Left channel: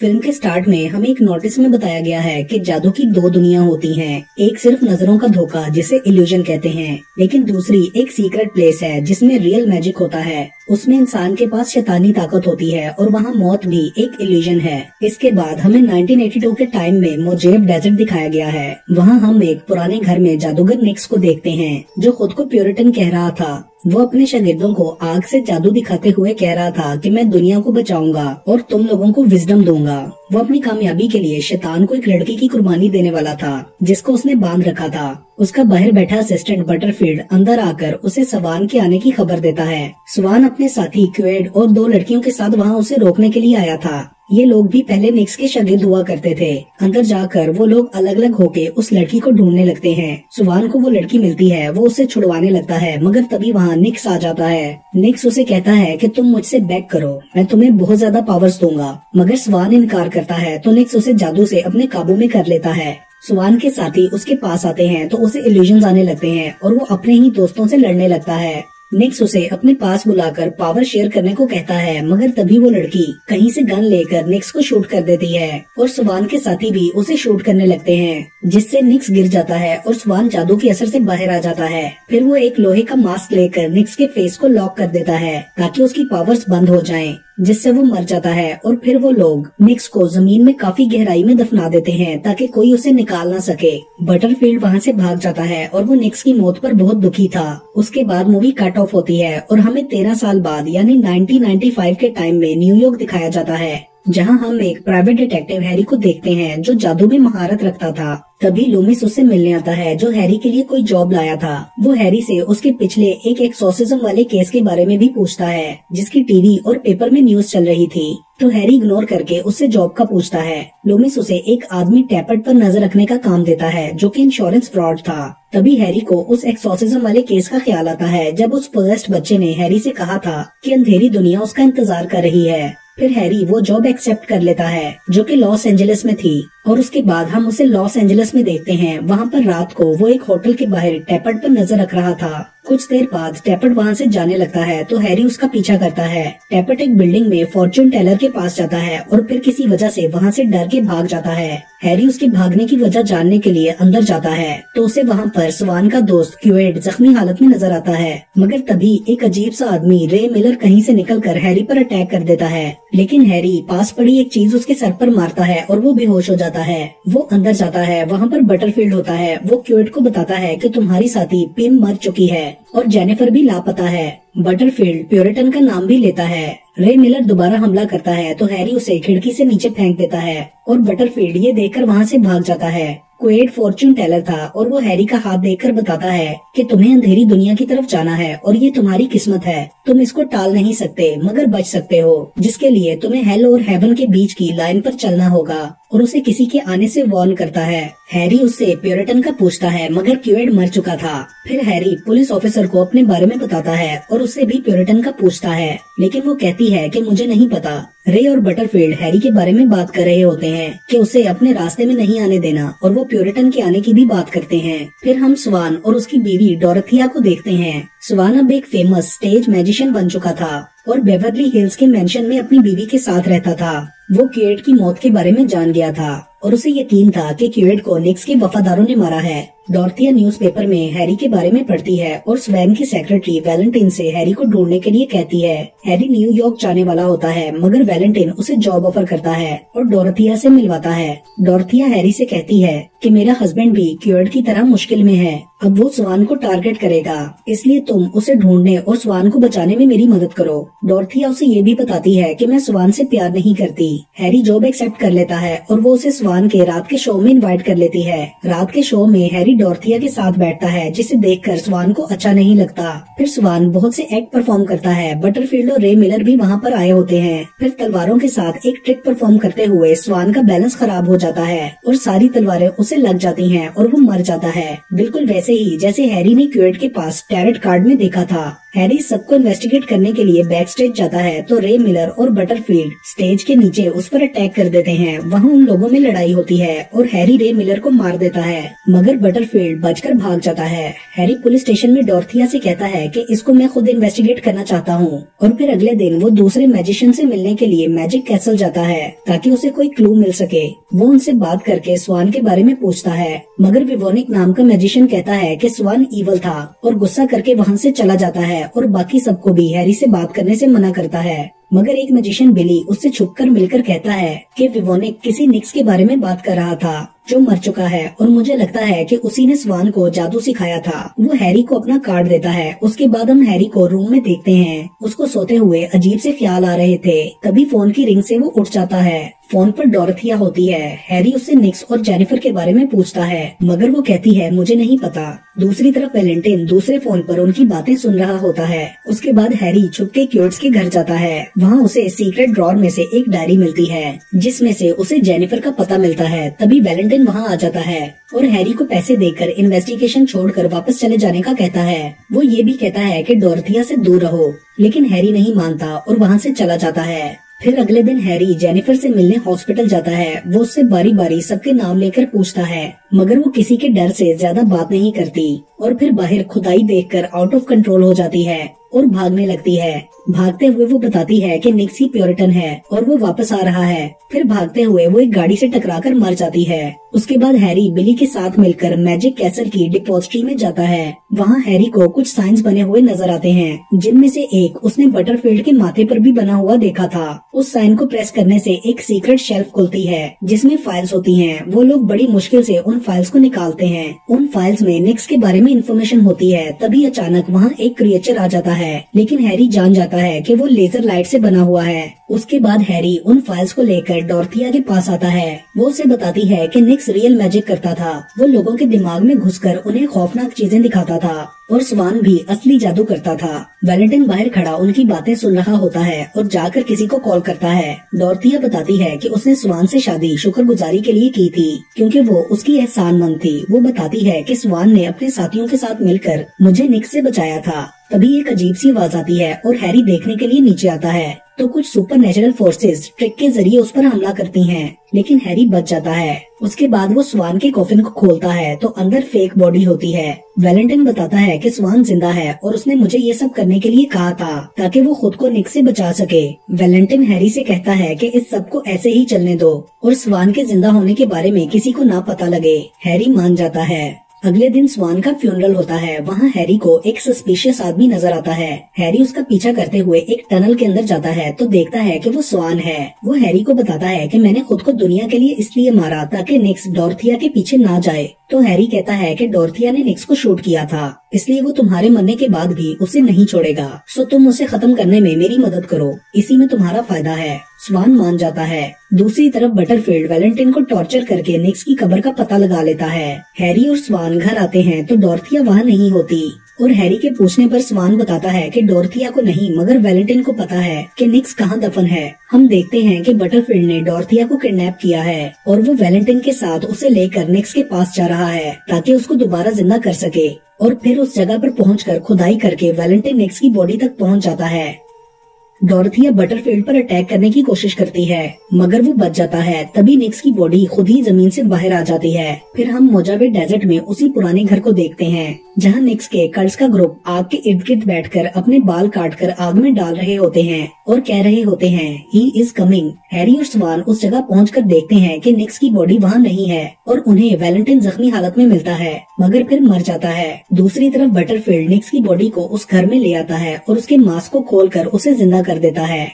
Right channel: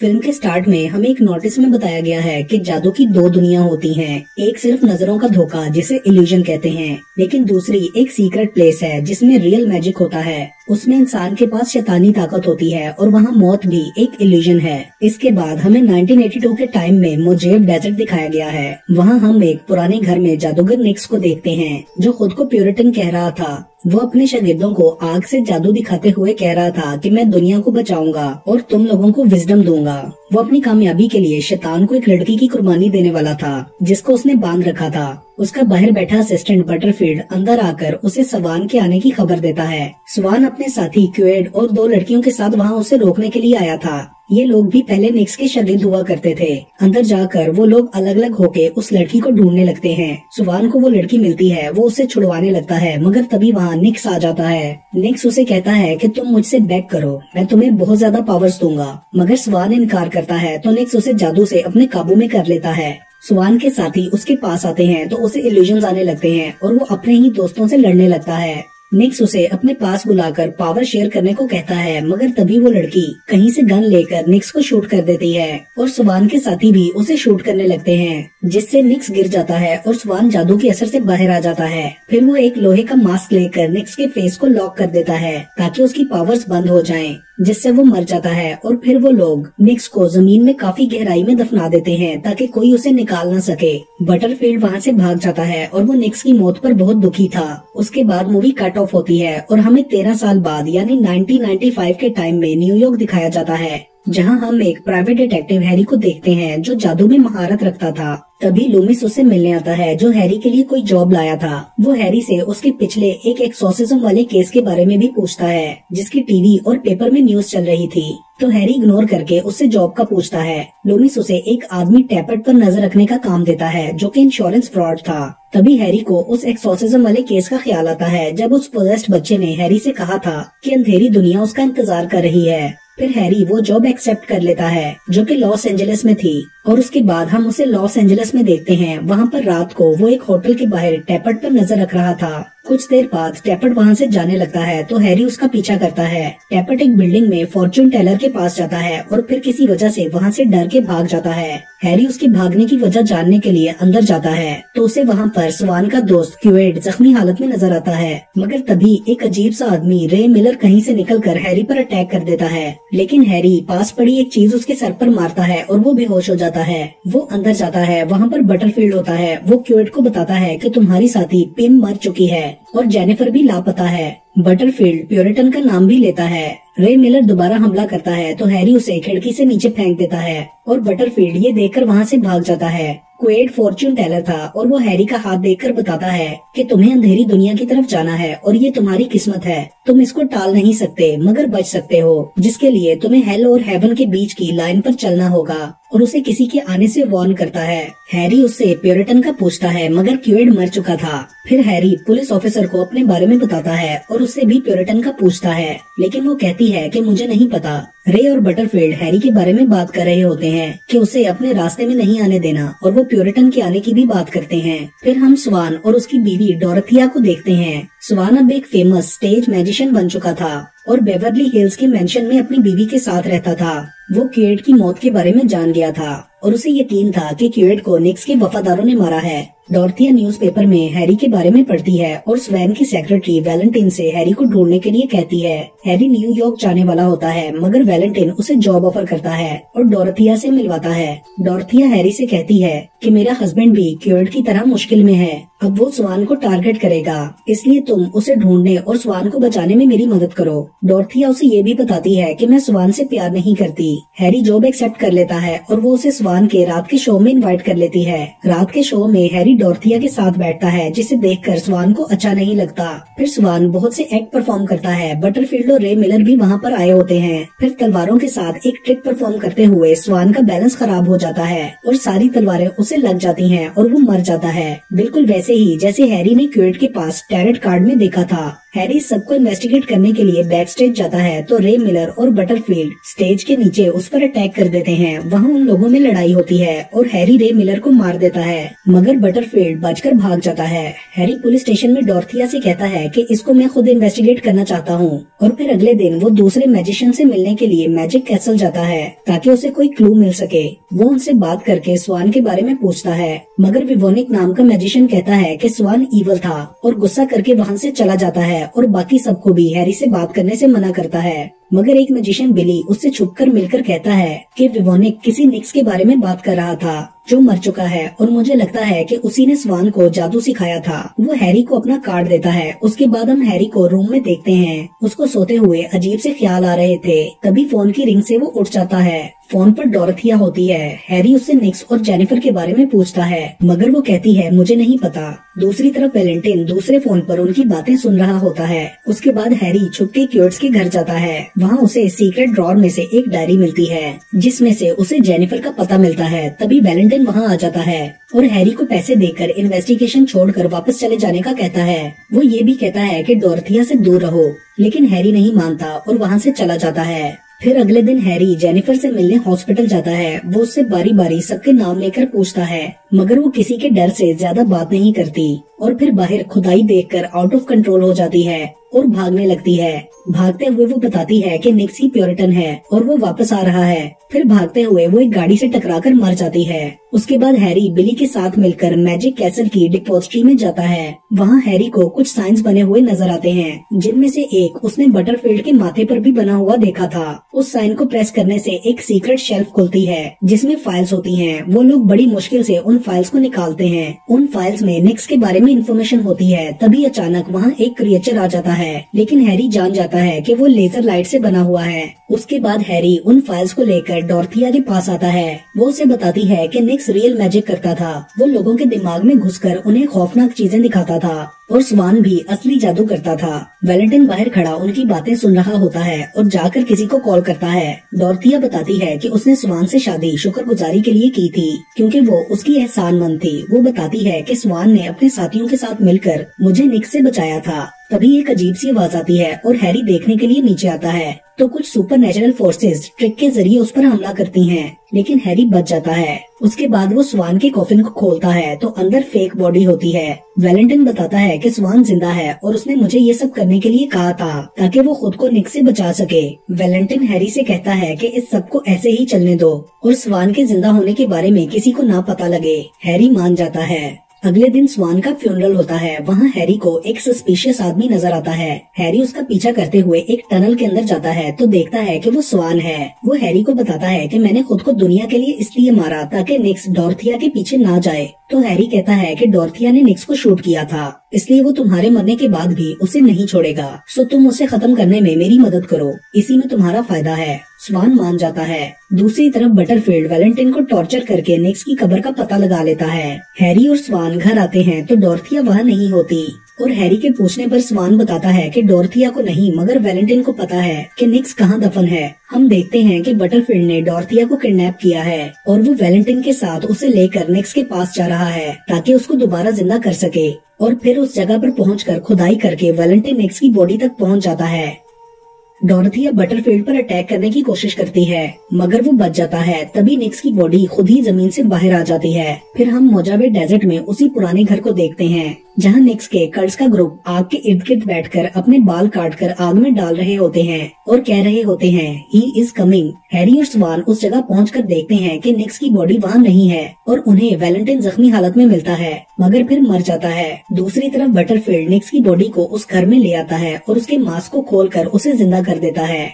Film के start में हमें एक नोटिस में बताया गया है कि जादू की दो दुनिया होती हैं। एक सिर्फ नजरों का धोखा जिसे इल्यूजन कहते हैं, लेकिन दूसरी एक सीक्रेट प्लेस है जिसमें रियल मैजिक होता है। उसमें इंसान के पास शैतानी ताकत होती है और वहाँ मौत भी एक इल्यूजन है। इसके बाद हमें 1982 के टाइम में मोजेब डेजर्ट दिखाया गया है। वहाँ हम एक पुराने घर में जादूगर निक्स को देखते हैं जो खुद को प्यूरिटन कह रहा था। वो अपने शागिर्दों को आग से जादू दिखाते हुए कह रहा था कि मैं दुनिया को बचाऊंगा और तुम लोगों को विजडम दूंगा। वो अपनी कामयाबी के लिए शैतान को एक लड़की की कुर्बानी देने वाला था जिसको उसने बांध रखा था। उसका बाहर बैठा असिस्टेंट बटरफील्ड अंदर आकर उसे स्वान के आने की खबर देता है। स्वान अपने साथी क्वेड और दो लड़कियों के साथ वहाँ उसे रोकने के लिए आया था। ये लोग भी पहले निक्स के शागिर्द हुआ करते थे। अंदर जाकर वो लोग अलग अलग होके उस लड़की को ढूंढने लगते हैं। स्वान को वो लड़की मिलती है, वो उसे छुड़वाने लगता है, मगर तभी वहाँ निक्स आ जाता है। निक्स उसे कहता है कि तुम मुझसे बैक करो, मैं तुम्हें बहुत ज्यादा पावर्स दूंगा, मगर स्वान इनकार करता है तो निक्स उसे जादू से अपने काबू में कर लेता है। स्वान के साथी उसके पास आते हैं तो उसे इल्यूजन्स आने लगते हैं और वो अपने ही दोस्तों से लड़ने लगता है। निक्स उसे अपने पास बुलाकर पावर शेयर करने को कहता है, मगर तभी वो लड़की कहीं से गन लेकर निक्स को शूट कर देती है और स्वान के साथी भी उसे शूट करने लगते हैं, जिससे निक्स गिर जाता है और स्वान जादू के असर से बाहर आ जाता है। फिर वो एक लोहे का मास्क लेकर निक्स के फेस को लॉक कर देता है ताकि उसकी पावर्स बंद हो जाएं, जिससे वो मर जाता है। और फिर वो लोग निक्स को जमीन में काफी गहराई में दफना देते हैं ताकि कोई उसे निकाल न सके। बटरफील्ड वहाँ से भाग जाता है और वो निक्स की मौत पर बहुत दुखी था। उसके बाद मूवी कट ऑफ होती है और हमें 13 साल बाद यानी 1995 के टाइम में न्यूयॉर्क दिखाया जाता है, जहां हम एक प्राइवेट डिटेक्टिव हैरी को देखते हैं जो जादू में महारत रखता था। तभी लूमिस उससे मिलने आता है जो हैरी के लिए कोई जॉब लाया था। वो हैरी से उसके पिछले एक एक्सोर्सिज्म वाले केस के बारे में भी पूछता है जिसकी टीवी और पेपर में न्यूज चल रही थी। तो हैरी इग्नोर करके उससे जॉब का पूछता है। लूमिस उसे एक आदमी टैपेट पर नजर रखने का काम देता है जो कि इंश्योरेंस फ्रॉड था। तभी हैरी को उस एक्सोर्सिज्म वाले केस का ख्याल आता है जब उस पोजेस्ड बच्चे ने हैरी से कहा था कि अंधेरी दुनिया उसका इंतजार कर रही है। फिर हैरी वो जॉब एक्सेप्ट कर लेता है जो कि लॉस एंजलिस में थी और उसके बाद हम उसे लॉस एंजलिस में देखते हैं। वहाँ पर रात को वो एक होटल के बाहर टैपेट पर नजर रख रहा था। कुछ देर बाद टैपेट वहाँ से जाने लगता है तो हैरी उसका पीछा करता है। टैपेट एक बिल्डिंग में फॉर्च्यून टेलर के पास जाता है और फिर किसी वजह से वहाँ से डर के भाग जाता है। हैरी उसके भागने की वजह जानने के लिए अंदर जाता है तो उसे वहाँ पर स्वान का दोस्त क्वेड जख्मी हालत में नजर आता है, मगर तभी एक अजीब सा आदमी रे मिलर कहीं से निकलकर हैरी पर अटैक कर देता है। लेकिन हैरी पास पड़ी एक चीज उसके सर पर मारता है और वो बेहोश हो जाता है। वो अंदर जाता है, वहाँ पर बटरफील्ड होता है। वो क्वेड को बताता है कि तुम्हारी साथी पिम मर चुकी है और जेनिफर भी लापता है। बटरफील्ड प्यूरिटन का नाम भी लेता है। रे मिलर दोबारा हमला करता है तो हैरी उसे खिड़की से नीचे फेंक देता है और बटरफील्ड ये देखकर वहाँ से भाग जाता है। क्वेड फॉर्च्यून टेलर था और वो हैरी का हाथ देखकर बताता है कि तुम्हें अंधेरी दुनिया की तरफ जाना है और ये तुम्हारी किस्मत है। तुम इसको टाल नहीं सकते मगर बच सकते हो, जिसके लिए तुम्हें हेल और हेवन के बीच की लाइन पर चलना होगा। और उसे किसी के आने से वार्न करता है। हैरी उससे प्यूरिटन का पूछता है मगर क्वेड मर चुका था। फिर हैरी पुलिस ऑफिसर को अपने बारे में बताता है और उससे भी प्यूरिटन का पूछता है, लेकिन वो कहती है कि मुझे नहीं पता। रे और बटरफील्ड हैरी के बारे में बात कर रहे होते हैं कि उसे अपने रास्ते में नहीं आने देना और वो प्यूरिटन के आने की भी बात करते हैं। फिर हम स्वान और उसकी बीवी डोरथिया को देखते हैं। स्वान अब एक फेमस स्टेज मैजिशियन बन चुका था और बेवर्ली हिल्स के मेंशन में अपनी बीवी के साथ रहता था। वो क्वेड की मौत के बारे में जान गया था और उसे यकीन था कि क्वेड को निक्स के वफादारों ने मारा है। डॉर्थिया न्यूज़पेपर में हैरी के बारे में पढ़ती है और स्वैन की सेक्रेटरी वैलेंटाइन से हैरी को ढूंढने के लिए कहती है। हैरी न्यूयॉर्क जाने वाला होता है मगर वैलेंटाइन उसे जॉब ऑफर करता है और डॉर्थिया से मिलवाता है। डॉर्थिया हैरी से कहती है कि मेरा हस्बैंड भी क्वेड की तरह मुश्किल में है, अब वो स्वान को टारगेट करेगा, इसलिए तुम उसे ढूंढने और स्वान को बचाने में मेरी मदद करो। डॉर्थिया उसे ये भी बताती है कि मैं स्वान से प्यार नहीं करती। हैरी जॉब एक्सेप्ट कर लेता है और वो उसे स्वान के रात के शो में इनवाइट कर लेती है। रात के शो में हैरी डॉर्थिया के साथ बैठता है जिसे देखकर स्वान को अच्छा नहीं लगता। फिर स्वान बहुत से एक्ट परफॉर्म करता है। बटरफील्ड और रे मिलर भी वहाँ पर आए होते हैं। फिर तलवारों के साथ एक ट्रिक परफॉर्म करते हुए स्वान का बैलेंस खराब हो जाता है और सारी तलवारें उसे लग जाती हैं और वो मर जाता है, बिल्कुल वैसे ही जैसे हैरी ने क्वेड के पास टैरेट कार्ड में देखा था। हैरी सबको इन्वेस्टिगेट करने के लिए बैक स्टेज जाता है तो रे मिलर और बटरफील्ड स्टेज के नीचे उस पर अटैक कर देते हैं। वहाँ उन लोगों में लड़ाई होती है और हैरी रे मिलर को मार देता है, मगर बटरफील्ड बचकर भाग जाता है। हैरी पुलिस स्टेशन में डॉर्थिया से कहता है कि इसको मैं खुद इन्वेस्टिगेट करना चाहता हूँ और फिर अगले दिन वो दूसरे मैजिशियन से मिलने के लिए मैजिक कैसल जाता है ताकि उसे कोई क्लू मिल सके। वो उनसे बात करके स्वान के बारे में पूछता है, मगर विवोनिक नाम का मैजिशियन कहता है कि स्वान ईवल था और गुस्सा करके वहाँ से चला जाता है और बाकी सबको भी हैरी से बात करने से मना करता है। मगर एक मैजिशियन बिली उससे छुपकर मिलकर कहता है कि विवोनिक किसी निक्स के बारे में बात कर रहा था जो मर चुका है और मुझे लगता है कि उसी ने स्वान को जादू सिखाया था। वो हैरी को अपना कार्ड देता है। उसके बाद हम हैरी को रूम में देखते हैं। उसको सोते हुए अजीब से ख्याल आ रहे थे, तभी फोन की रिंग से वो उठ जाता है। फोन पर डॉरथिया होती है। हैरी उससे निक्स और जेनिफर के बारे में पूछता है, मगर वो कहती है मुझे नहीं पता। दूसरी तरफ वैलेंटाइन दूसरे फोन पर उनकी बातें सुन रहा होता है। उसके बाद हैरी छुप के क्यूर्ट्स के घर जाता है। वहाँ उसे सीक्रेट ड्रॉर में से एक डायरी मिलती है जिसमें से उसे जेनिफर का पता मिलता है। तभी वैलेंटाइन वहाँ आ जाता है और हैरी को पैसे देकर इन्वेस्टिगेशन छोड़कर वापस चले जाने का कहता है। वो ये भी कहता है कि डॉरथिया से दूर रहो, लेकिन हैरी नहीं मानता और वहाँ से चला जाता है। फिर अगले दिन हैरी जेनिफर से मिलने हॉस्पिटल जाता है। वो उससे बारी बारी सबके नाम लेकर पूछता है, मगर वो किसी के डर से ज्यादा बात नहीं करती और फिर बाहर खुदाई देखकर आउट ऑफ कंट्रोल हो जाती है और भागने लगती है। भागते हुए वो बताती है कि निक्स ही प्योरिटन है और वो वापस आ रहा है। फिर भागते हुए वो एक गाड़ी से टकराकर मर जाती है। उसके बाद हैरी बिली के साथ मिलकर मैजिक कैसल की डिपॉजिटरी में जाता है। वहाँ हैरी को कुछ साइंस बने हुए नजर आते हैं, जिनमें से एक उसने बटरफील्ड के माथे पर भी बना हुआ देखा था। उस साइन को प्रेस करने से एक सीक्रेट शेल्फ खुलती है जिसमें फाइल्स होती हैं। वो लोग बड़ी मुश्किल से उन फाइल्स को निकालते हैं। उन फाइल्स में निक्स के बारे में इंफॉर्मेशन होती है। तभी अचानक वहाँ एक क्रिएचर आ जाता है, लेकिन हैरी जान जाता है कि वो लेजर लाइट से बना हुआ है। उसके बाद हैरी उन फाइल्स को लेकर डॉरथिया के पास आता है। वो उसे बताती है कि निक्स रियल मैजिक करता था। वो लोगों के दिमाग में घुसकर उन्हें खौफनाक चीजें दिखाता था और स्वान भी असली जादू करता था। वैलेंटाइन बाहर खड़ा उनकी बातें सुन रहा होता है और जाकर किसी को कॉल करता है। डॉरथिया बताती है कि उसने स्वान से शादी शुक्रगुजारी के लिए की थी क्योंकि वो उसकी एहसानमंद थी। वो बताती है कि स्वान ने अपने साथियों के साथ मिलकर मुझे निक्स से बचाया था। तभी एक अजीब सी आवाज आती है और हैरी देखने के लिए नीचे आता है तो कुछ सुपर नेचुरल फोर्सेस ट्रिक के जरिए उस पर हमला करती हैं, लेकिन हैरी बच जाता है। उसके बाद वो स्वान के कॉफिन को खोलता है तो अंदर फेक बॉडी होती है। वैलेंटाइन बताता है कि स्वान जिंदा है और उसने मुझे ये सब करने के लिए कहा था ताकि वो खुद को निक्स से बचा सके। वैलेंटाइन हैरी से कहता है कि इस सब को ऐसे ही चलने दो और स्वान के जिंदा होने के बारे में किसी को ना पता लगे। हैरी मान जाता है। अगले दिन स्वान का फ्यूनरल होता है। वहाँ हैरी को एक सस्पिशियस आदमी नजर आता है। हैरी उसका पीछा करते हुए एक टनल के अंदर जाता है तो देखता है कि वो स्वान है। वो हैरी को बताता है कि मैंने खुद को दुनिया के लिए इसलिए मारा ताकि निक्स डॉरथिया के पीछे ना जाए। तो हैरी कहता है कि डॉरथिया ने निक्स को शूट किया था, इसलिए वो तुम्हारे मरने के बाद भी उसे नहीं छोड़ेगा। सो तुम उसे खत्म करने में मेरी मदद करो, इसी में तुम्हारा फायदा है। स्वान मान जाता है। दूसरी तरफ बटरफील्ड वैलेंटाइन को टॉर्चर करके निक्स की कब्र का पता लगा लेता है। हैरी और स्वान घर आते हैं तो डॉरथिया वहाँ नहीं होती और हैरी के पूछने पर स्वान बताता है कि डॉरथिया को नहीं मगर वैलेंटाइन को पता है कि निक्स कहाँ दफन है। हम देखते हैं कि बटरफील्ड ने डॉरथिया को किडनैप किया है और वो वैलेंटाइन के साथ उसे लेकर निक्स के पास जा रहा है ताकि उसको दोबारा जिंदा कर सके। और फिर उस जगह पर पहुंचकर खुदाई करके वैलेंटाइन निक्स की बॉडी तक पहुंच जाता है। डॉरथिया बटरफील्ड पर अटैक करने की कोशिश करती है मगर वो बच जाता है। तभी निक्स की बॉडी खुद ही जमीन से बाहर आ जाती है। फिर हम मोजावे डेजर्ट में उसी पुराने घर को देखते हैं जहाँ निक्स के कर्ड्स का ग्रुप आग के इर्द गिर्द बैठकर अपने बाल काटकर आग में डाल रहे होते हैं और कह रहे होते हैं ही इज कमिंग। हैरी और स्वान उस जगह पहुंचकर देखते हैं कि निक्स की बॉडी वहाँ नहीं है और उन्हें वैलेंटाइन जख्मी हालत में मिलता है मगर फिर मर जाता है। दूसरी तरफ बटरफील्ड निक्स की बॉडी को उस घर में ले आता है और उसके मास्क को खोलकर उसे जिंदा कर देता है।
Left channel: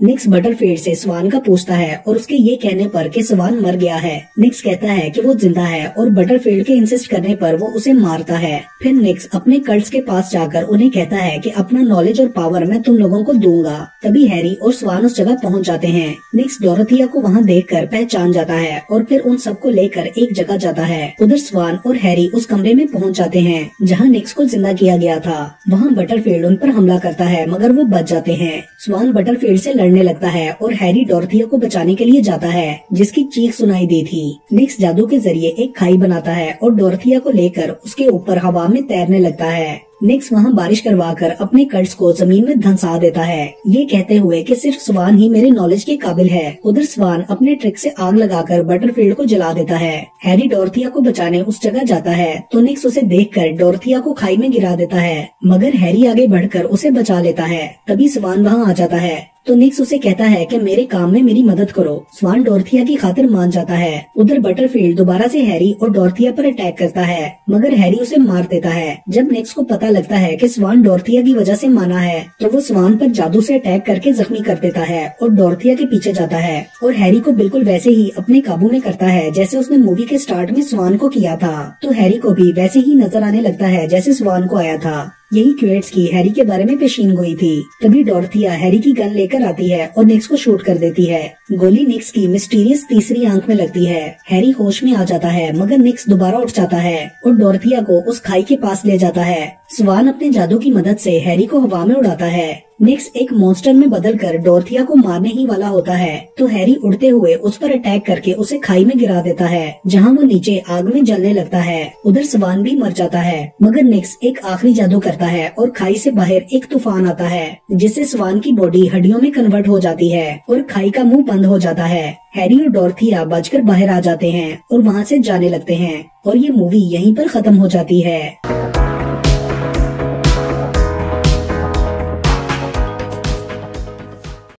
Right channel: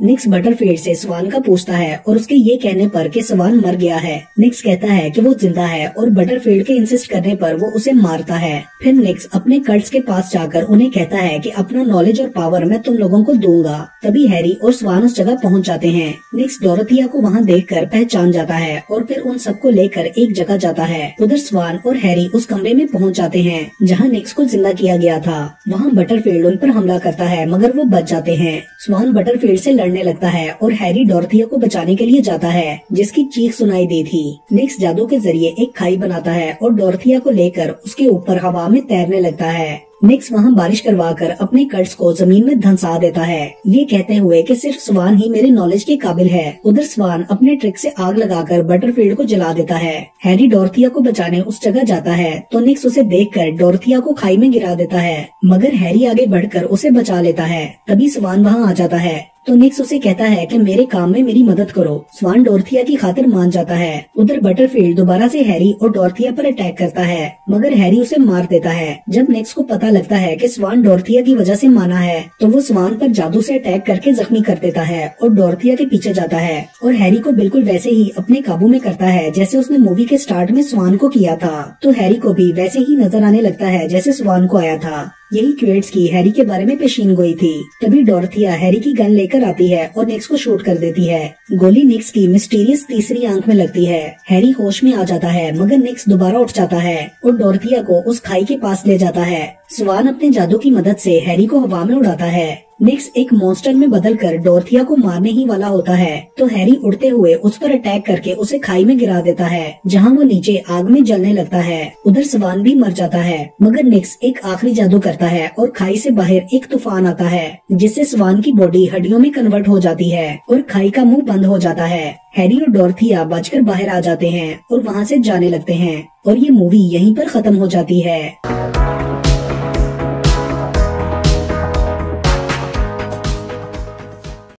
निक्स बटरफील्ड से स्वान का पूछता है और उसके ये कहने पर कि स्वान मर गया है। निक्स कहता है कि वो जिंदा है और बटरफील्ड के इंसिस्ट करने पर वो उसे मारता है। फिर निक्स अपने कल्ट्स के पास जाकर उन्हें कहता है कि अपना नॉलेज और पावर मैं तुम लोगों को दूंगा। तभी हैरी और स्वान उस जगह पहुंच जाते हैं। निक्स डॉरथिया को वहां देखकर पहचान जाता है और फिर उन सबको लेकर एक जगह जाता है। उधर स्वान और हैरी उस कमरे में पहुंच जाते हैं जहां निक्स को जिंदा किया गया था। वहां बटरफील्ड उन पर हमला करता है मगर वो बच जाते हैं। स्वान बटरफील्ड से पड़ने लगता है और हैरी डोरथिया को बचाने के लिए जाता है, जिसकी चीख सुनाई दी थी। निक्स जादू के जरिए एक खाई बनाता है और डोरथिया को लेकर उसके ऊपर हवा में तैरने लगता है। निक्स वहाँ बारिश करवाकर अपने कर्ट्स को जमीन में धंसा देता है, ये कहते हुए कि सिर्फ स्वान ही मेरी नॉलेज के काबिल है। उधर स्वान अपने ट्रिक से आग लगाकर बटरफील्ड को जला देता है। हैरी डोरथिया को बचाने उस जगह जाता है तो निक्स उसे देखकर डोरथिया को खाई में गिरा देता है, मगर हैरी आगे बढ़कर उसे बचा लेता है। तभी स्वान वहाँ आ जाता है तो निक्स उसे कहता है कि मेरे काम में मेरी मदद करो। स्वान डोरथिया की खातिर मान जाता है। उधर बटरफील्ड दोबारा से हैरी और डोरथिया पर अटैक करता है, मगर हैरी उसे मार देता है। जब निक्स को पता लगता है कि स्वान डोरथिया की वजह से माना है तो वो स्वान पर जादू से अटैक करके जख्मी कर देता है और डोरथिया के पीछे जाता है और हैरी को बिल्कुल वैसे ही अपने काबू में करता है जैसे उसने मूवी के स्टार्ट में स्वान को किया था। तो हैरी को भी वैसे ही नजर आने लगता है जैसे स्वान को आया था। यही क्वेट्स की हैरी के बारे में पेशीन गोई थी। तभी डोरथिया हैरी की गन लेकर आती है और निक्स को शूट कर देती है। गोली निक्स की मिस्टीरियस तीसरी आंख में लगती है। हैरी होश में आ जाता है, मगर निक्स दोबारा उठ जाता है और डोरथिया को उस खाई के पास ले जाता है। स्वान अपने जादू की मदद से हैरी को हवा में उड़ाता है। निक्स एक मॉन्स्टर में बदलकर डोरथिया को मारने ही वाला होता है तो हैरी उड़ते हुए उस पर अटैक करके उसे खाई में गिरा देता है, जहां वो नीचे आग में जलने लगता है। उधर स्वान भी मर जाता है, मगर निक्स एक आखिरी जादू करता है और खाई से बाहर एक तूफान आता है, जिससे स्वान की बॉडी हड्डियों में कन्वर्ट हो जाती है और खाई का मुंह बंद हो जाता है। हैरी और डोरथिया बचकर बाहर आ जाते हैं और वहाँ से जाने लगते हैं और ये मूवी यहीं पर खत्म हो जाती है।